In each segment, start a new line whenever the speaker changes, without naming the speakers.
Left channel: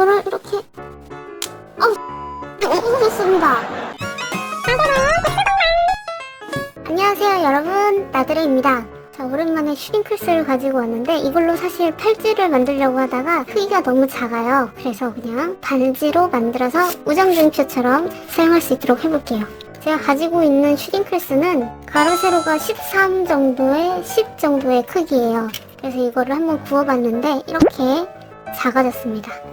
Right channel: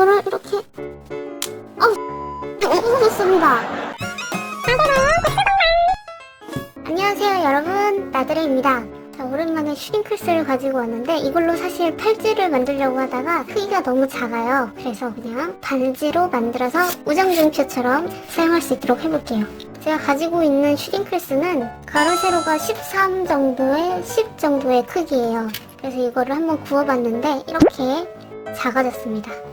이거를 이렇게. 어 이거 있습니다. 안녕하세요 여러분. 나드레입니다. 자 오랜만에 슈링클스를 가지고 왔는데 이걸로 사실 팔찌를 만들려고 하다가 크기가 너무 작아요. 그래서 그냥 반지로 만들어서 우정진표처럼 사용할 수 있도록 해볼게요. 제가 가지고 있는 슈링클스는 가로 세로가 13 정도의 10 정도의 크기예요. 그래서 이거를 한번 구워봤는데 이렇게 작아졌습니다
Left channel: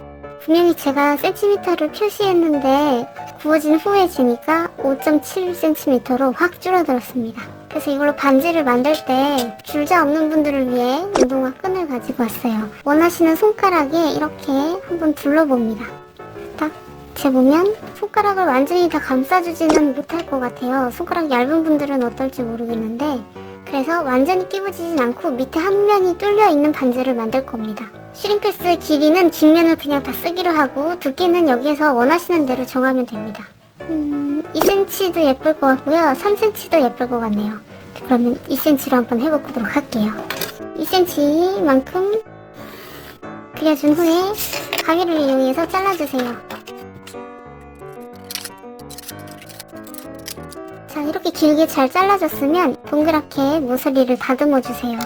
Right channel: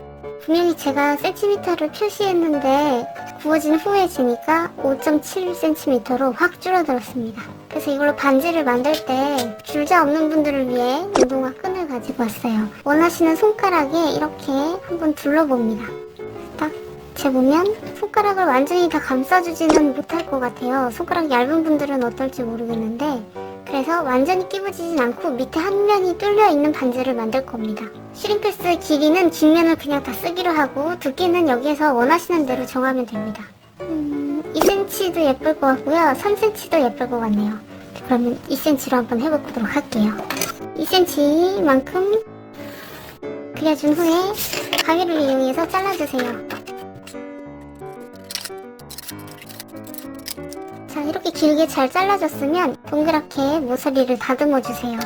분명히 제가 센티미터를 표시했는데 구워진 후에 재니까 5.7cm로 확 줄어들었습니다. 그래서 이걸로 반지를 만들 때 줄자 없는 분들을 위해 운동화 끈을 가지고 왔어요. 원하시는 손가락에 이렇게 한번 둘러봅니다. 딱 재보면 손가락을 완전히 다 감싸주지는 못할 것 같아요. 손가락 얇은 분들은 어떨지 모르겠는데 그래서 완전히 끼워지진 않고 밑에 한 면이 뚫려 있는 반지를 만들 겁니다. 슈링패스의 길이는 뒷면을 그냥 다 쓰기로 하고 두께는 여기에서 원하시는 대로 정하면 됩니다. 음, 2cm도 예쁠 것 같고요. 3cm도 예쁠 것 같네요. 그러면 2cm로 한번 해보도록 할게요. 2cm만큼 그려준 후에 가위를 이용해서 잘라주세요. 자, 이렇게 길게 잘 잘라졌으면 동그랗게 모서리를 다듬어 주세요.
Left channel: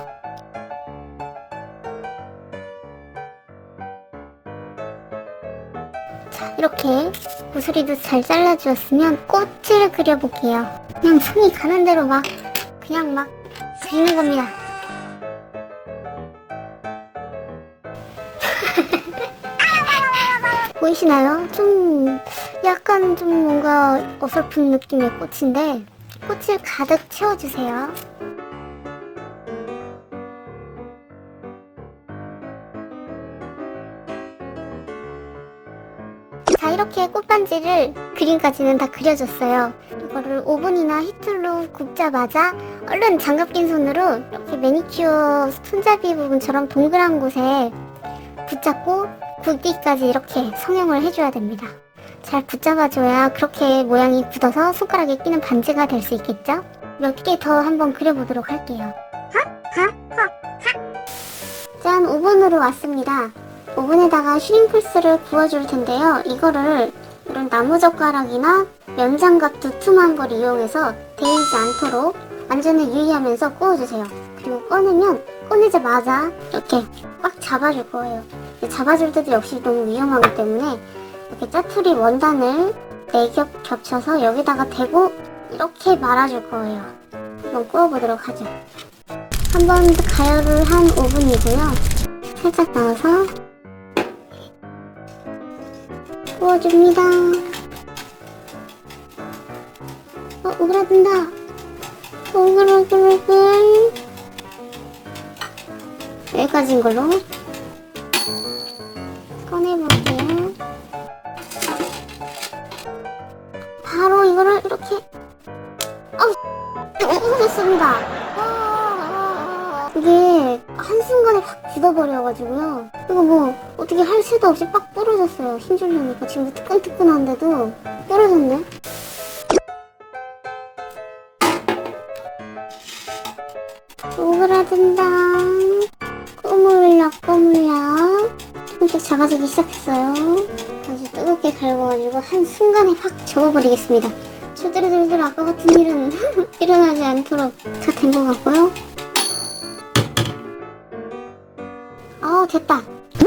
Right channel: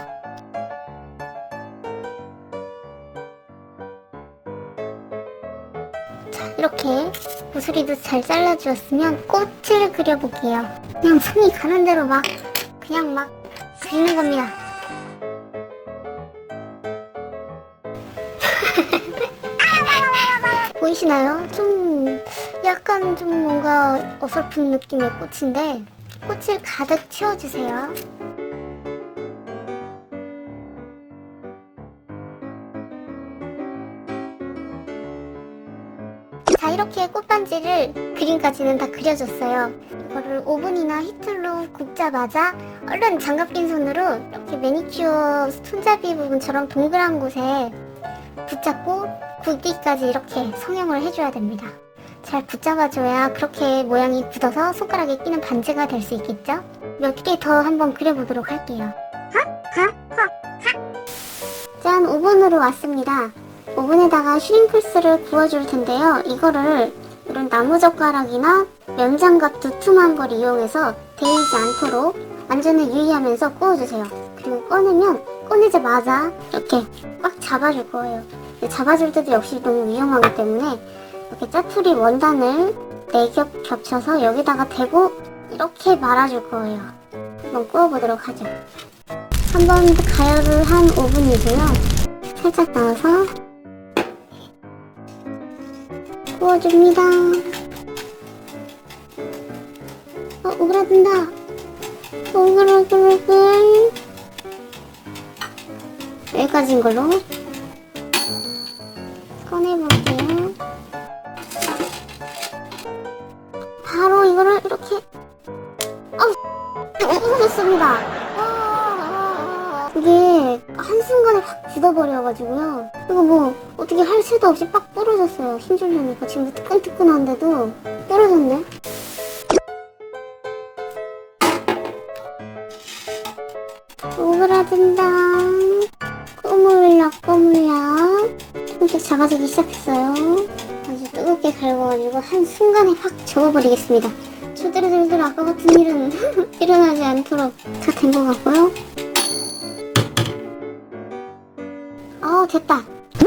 자, 이렇게 모서리도 잘 잘라주었으면 꽃을 그려볼게요. 그냥 손이 가는 대로 막, 그냥 막 그리는 겁니다. 보이시나요? 좀 약간 좀 뭔가 어설픈 느낌의 꽃인데 꽃을 가득 채워주세요. 자 이렇게 꽃반지를 그림까지는 다 그려줬어요. 이거를 오븐이나 히틀로 굽자마자 얼른 장갑 낀 손으로 이렇게 매니큐어 손잡이 부분처럼 동그란 곳에 붙잡고 굵기까지 이렇게 성형을 해줘야 됩니다. 잘 붙잡아줘야 그렇게 모양이 굳어서 손가락에 끼는 반지가 될 수 있겠죠? 몇 개 더 한번 그려보도록 할게요. 짠, 오븐으로 왔습니다. 오븐에다가 슈링플스를 구워줄 텐데요. 이거를 이런 나무젓가락이나 면장갑 튼튼한 걸 이용해서 데이지 않도록 안전을 유의하면서 구워주세요. 그리고 꺼내면 꺼내자마자 이렇게 꽉 잡아줄 거예요. 잡아줄 때도 역시 너무 위험하기 때문에 이렇게 짜투리 원단을 4겹 겹쳐서 여기다가 대고 이렇게 말아줄 거예요. 한번 구워보도록 하죠. 한 번 가열을 한 오븐이고요. 살짝 넣어서 구워줍니다. 어, 오그라든다. 오그라든다. 여기까지인 걸로 꺼내볼게요. 바로 이거를 이렇게 어, 이거 있습니다. 와, 와, 와. 이게 한순간에 확 굳어버려가지고요. 이거 뭐 어떻게 할 수도 없이 팍 부러졌어요. 힘주려니까 지금 뜨끈뜨끈한데도 부러졌네. 오그라든다. 꼬물라. 살짝 작아지기 시작했어요. 아주 뜨겁게 갈궈가지고 한순간에 확 저어버리겠습니다. 절대로 절대로 아까 같은 일은 일어나지 않도록 다 된 것 같고요. 어 됐다.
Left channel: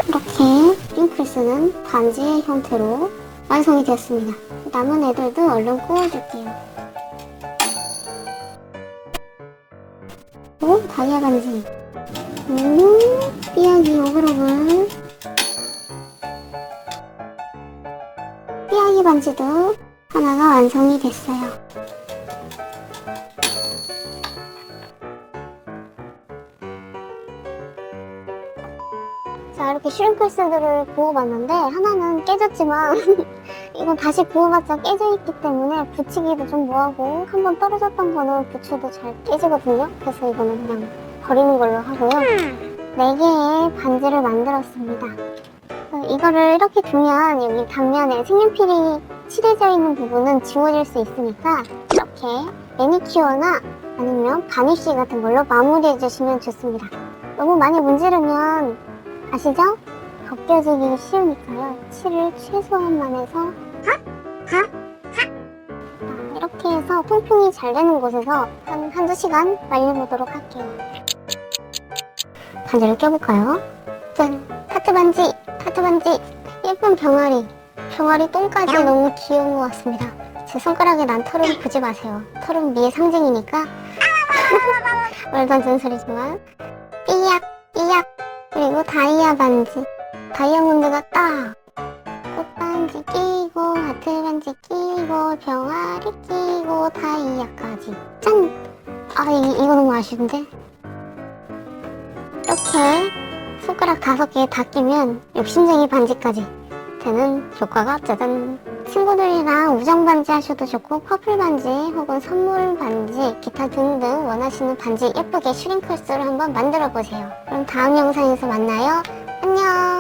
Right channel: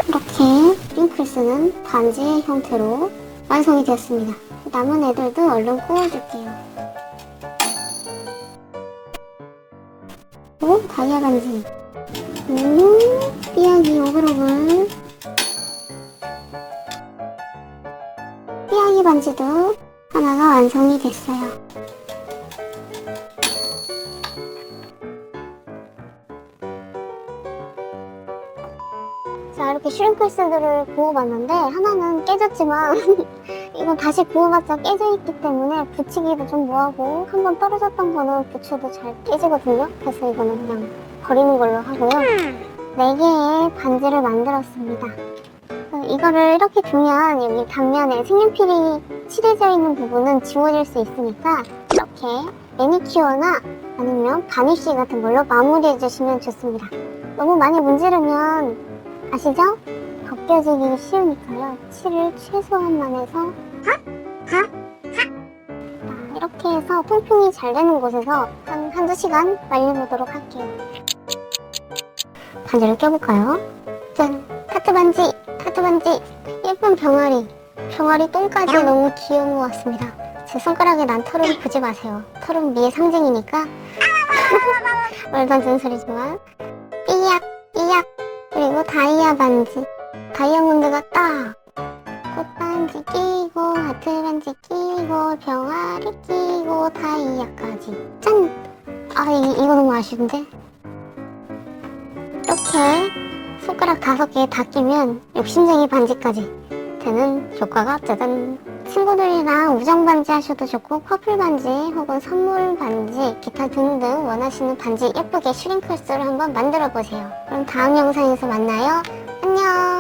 이렇게 링크스는 반지의 형태로 완성이 되었습니다. 남은 애들도 얼른 구워줄게요. 오, 다이아 반지. 오, 삐약이 오그로글. 삐약이 반지도 하나가 완성이 됐어요. 자, 이렇게 슈링크스들을 구워봤는데 하나는 깨졌지만 이건 다시 구워봤자 깨져있기 때문에 붙이기도 좀 뭐하고 한 번 떨어졌던 거는 붙여도 잘 깨지거든요. 그래서 이거는 그냥 버리는 걸로 하고요. 4개의 반지를 만들었습니다. 어, 이거를 이렇게 두면 여기 당면에 색연필이 칠해져 있는 부분은 지워질 수 있으니까 이렇게 매니큐어나 아니면 바니쉬 같은 걸로 마무리해 주시면 좋습니다. 너무 많이 문지르면 아시죠? 벗겨지기 쉬우니까요. 칠을 최소한만 해서 하? 하? 이렇게 해서 통풍이 잘 되는 곳에서 한 한두 시간 말려보도록 할게요. 반지를 껴볼까요? 짠! 카트 반지! 카트 반지! 예쁜 병아리! 병아리 똥까지 너무 귀여운 것 같습니다. 제 손가락에 난 털은 보지 마세요. 털은 미의 상징이니까 말도 안 되는 소리지만 삐약 삐약 그리고 다이아 반지 다이아몬드가 떠. 꽃반지 끼고 하트 반지 끼고 병아리 끼고 다이아까지. 짠! 아 이거, 이거 너무 아쉬운데? 이렇게 손가락 다섯 개 다 끼면 욕심쟁이 반지까지 되는 효과가 짜잔. 친구들이랑 우정 반지 하셔도 좋고 커플 반지 혹은 선물 반지 기타 등등 원하시는 반지 예쁘게 슈링클스를 한번 만들어 보세요. 그럼 다음 영상에서 만나요. 안녕